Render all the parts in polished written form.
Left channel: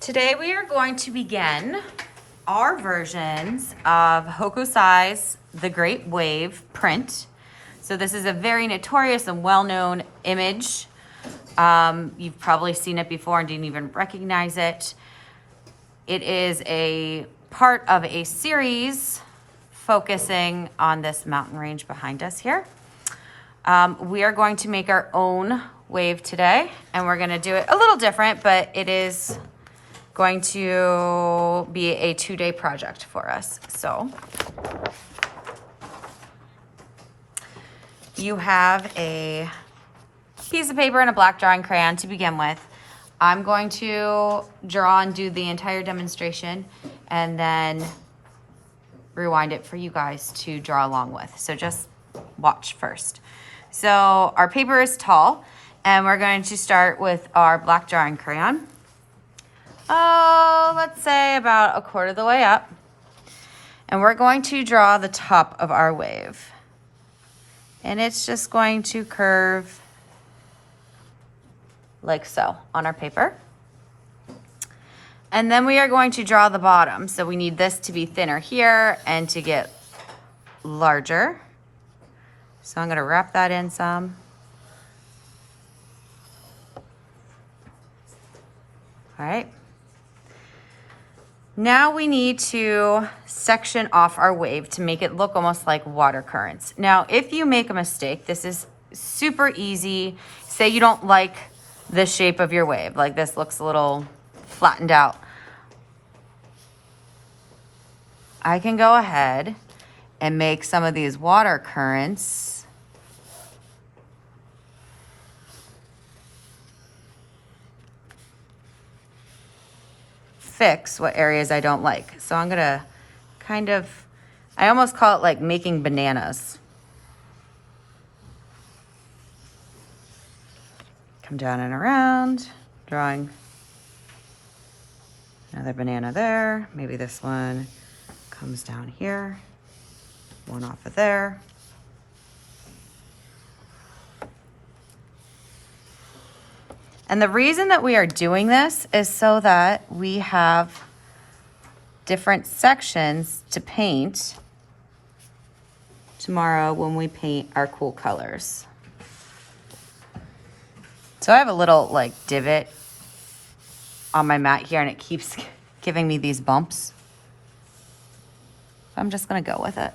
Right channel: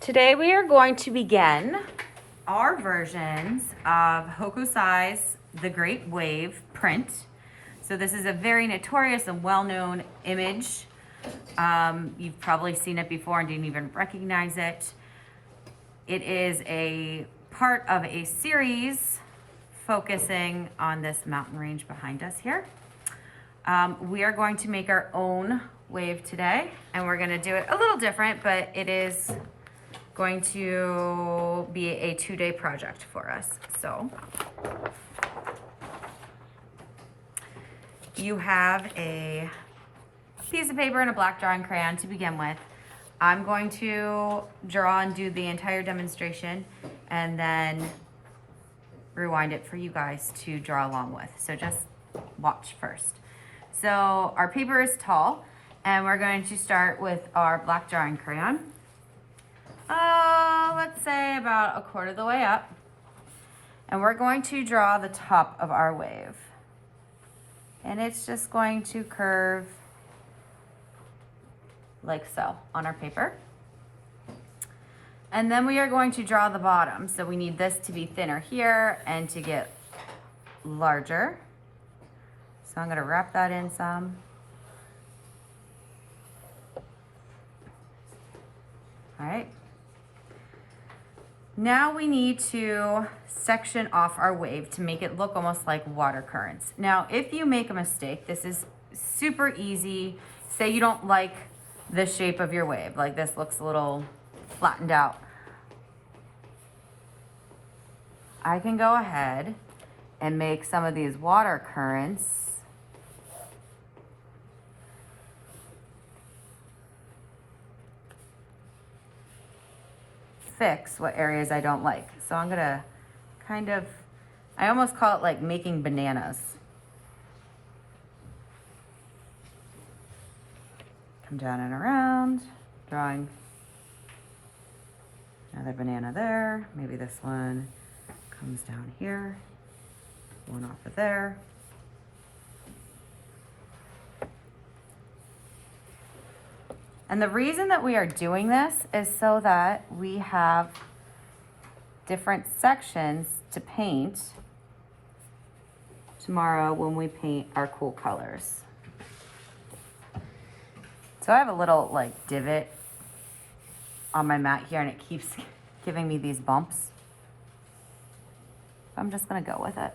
Today we are going to begin our versions of Hokusai's The Great Wave print. So this is a very notorious and well-known image. You've probably seen it before and didn't even recognize it. It is a part of a series focusing on this mountain range behind us here. We are going to make our own wave today, and we're going to do it a little different, but it is going to be a 2-day project for us. So you have a piece of paper and a black drawing crayon to begin with. I'm going to draw and do the entire demonstration and then rewind it for you guys to draw along with. So just watch first. So our paper is tall, and we're going to start with our black drawing crayon. Let's say about a quarter of the way up. And we're going to draw the top of our wave. And it's just going to curve like so on our paper. And then we are going to draw the bottom. So we need this to be thinner here and to get larger. So I'm going to wrap that in some. All right. Now we need to section off our wave to make it look almost like water currents. Now, if you make a mistake, this is super easy. Say you don't like the shape of your wave, like this looks a little flattened out. I can go ahead and make some of these water currents fix what areas I don't like. So I'm gonna kind of, I almost call it like making bananas. Come down and around, drawing another banana there. Maybe this one comes down here, one off of there. And the reason that we are doing this is so that we have different sections to paint tomorrow when we paint our cool colors. So I have a little like divot on my mat here, and it keeps giving me these bumps. So I'm just gonna go with it.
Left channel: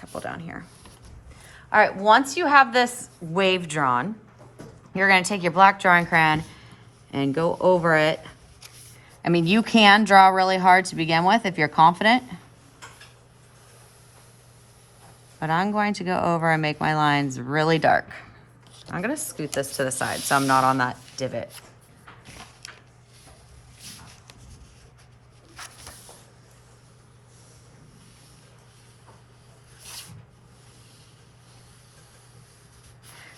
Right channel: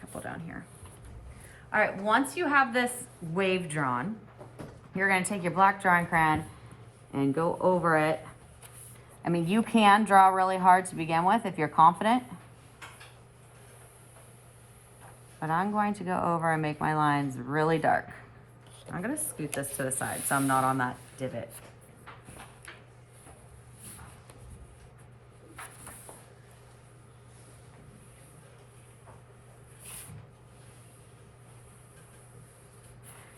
Couple down here. All right, once you have this wave drawn, you're gonna take your black drawing crayon and go over it. I mean, you can draw really hard to begin with if you're confident, but I'm going to go over and make my lines really dark. I'm gonna scoot this to the side so I'm not on that divot.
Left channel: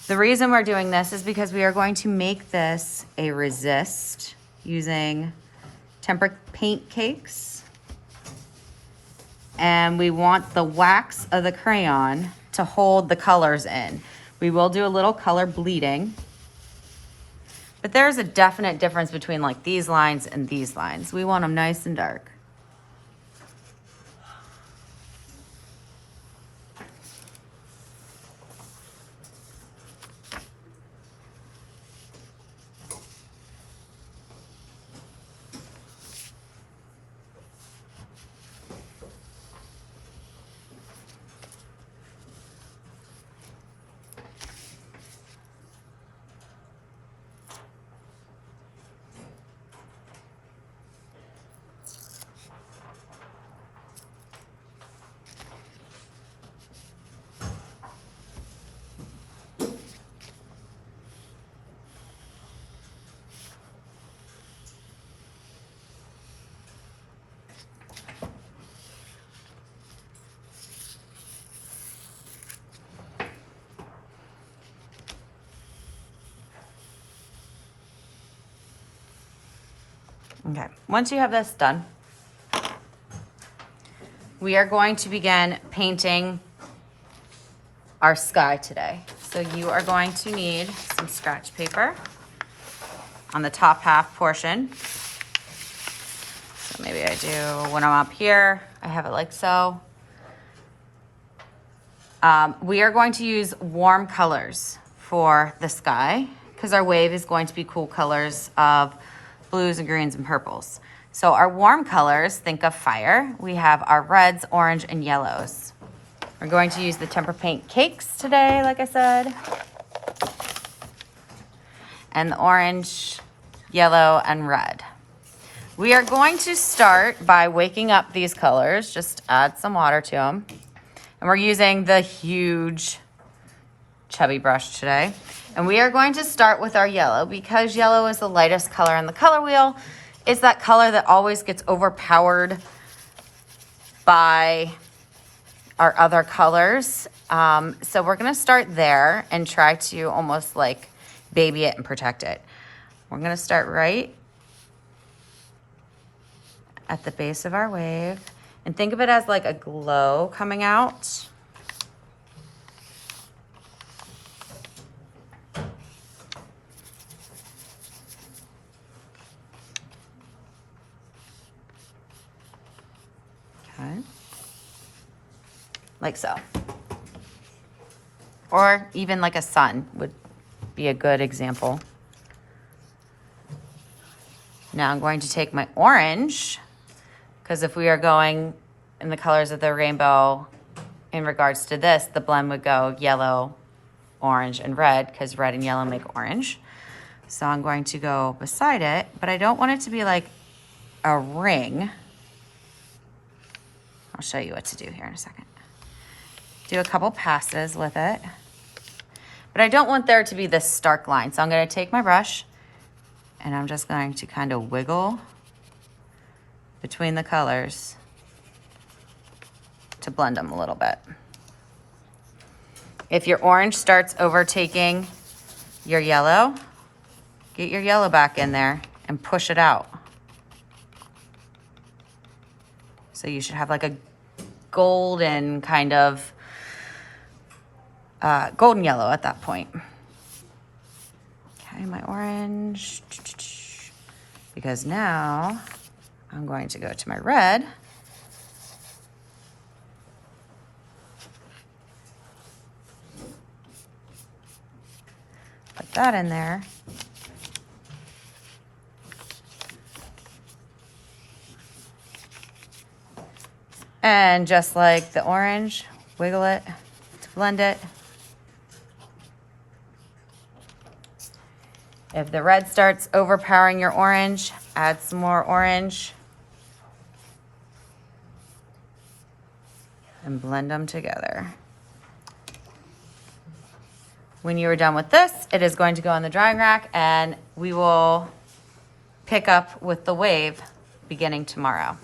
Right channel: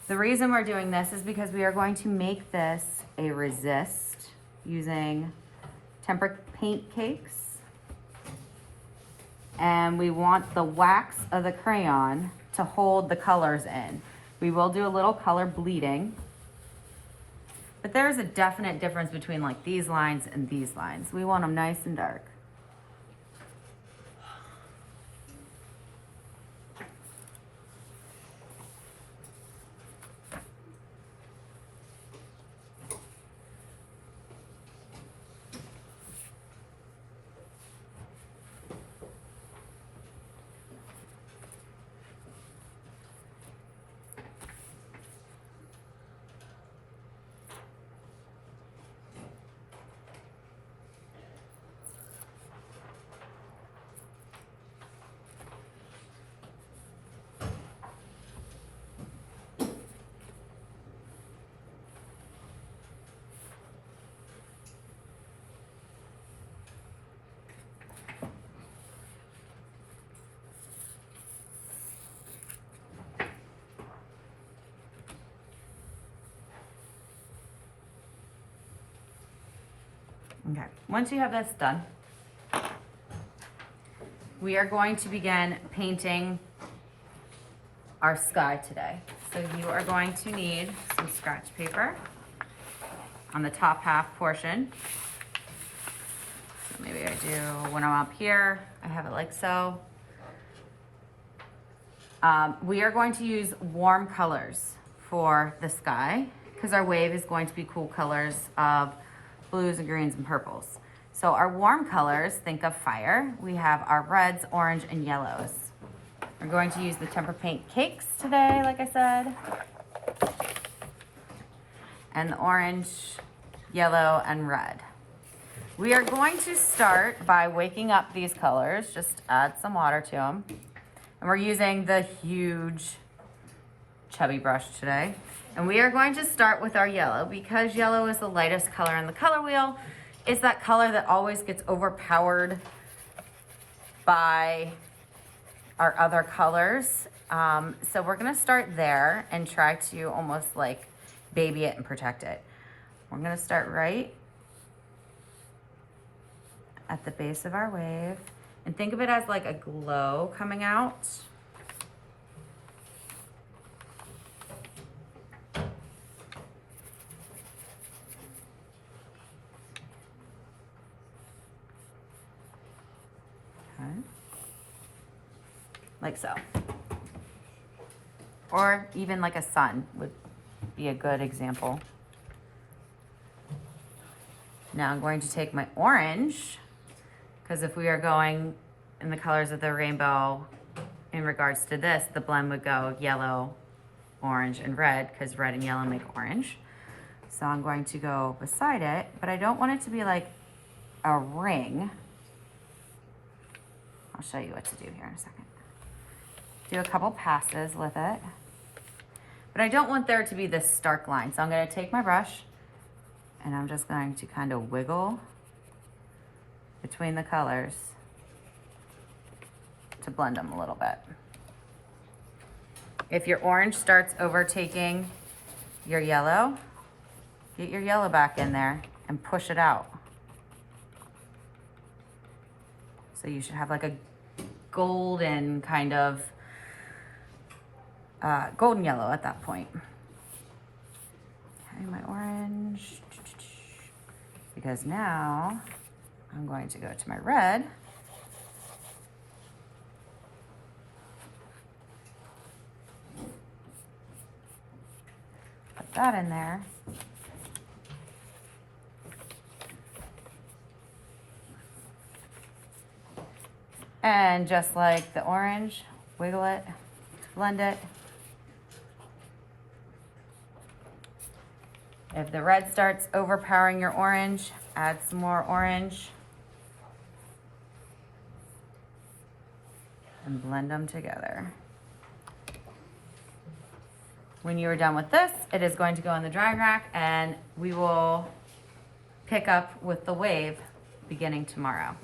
The reason we're doing this is because we are going to make this a resist using tempera paint cakes. And we want the wax of the crayon to hold the colors in. We will do a little color bleeding, but there's a definite difference between like these lines and these lines. We want them nice and dark. Okay, once you have this done, we are going to begin painting our sky today. So you are going to need some scratch paper on the top half portion. So maybe I do, when I'm up here, I have it like so. We are going to use warm colors for the sky because our wave is going to be cool colors of blues and greens and purples. So our warm colors, think of fire. We have our reds, orange, and yellows. We're going to use the Temper Paint cakes today, like I said. And the orange, yellow, and red. We are going to start by waking up these colors. Just add some water to them. And we're using the huge chubby brush today. And we are going to start with our yellow because yellow is the lightest color in the color wheel. It's that color that always gets overpowered by our other colors. So we're gonna start there and try to almost like baby it and protect it. We're gonna start right at the base of our wave and think of it as like a glow coming out. Okay. Like so. Or even like a sun would be a good example. Now I'm going to take my orange, because if we are going in the colors of the rainbow in regards to this, the blend would go yellow, orange, and red, because red and yellow make orange. So I'm going to go beside it, but I don't want it to be like a ring. I'll show you what to do here in a second. Do a couple passes with it. But I don't want there to be this stark line. So I'm gonna take my brush and I'm just going to kind of wiggle between the colors to blend them a little bit. If your orange starts overtaking your yellow, get your yellow back in there and push it out. So you should have like a golden kind of golden yellow at that point. Okay, my orange. Because now I'm going to go to my red. Put that in there. And just like the orange, wiggle it to blend it. If the red starts overpowering your orange, add some more orange. And blend them together. When you are done with this, it is going to go on the drying rack and we will pick up with the wave beginning tomorrow.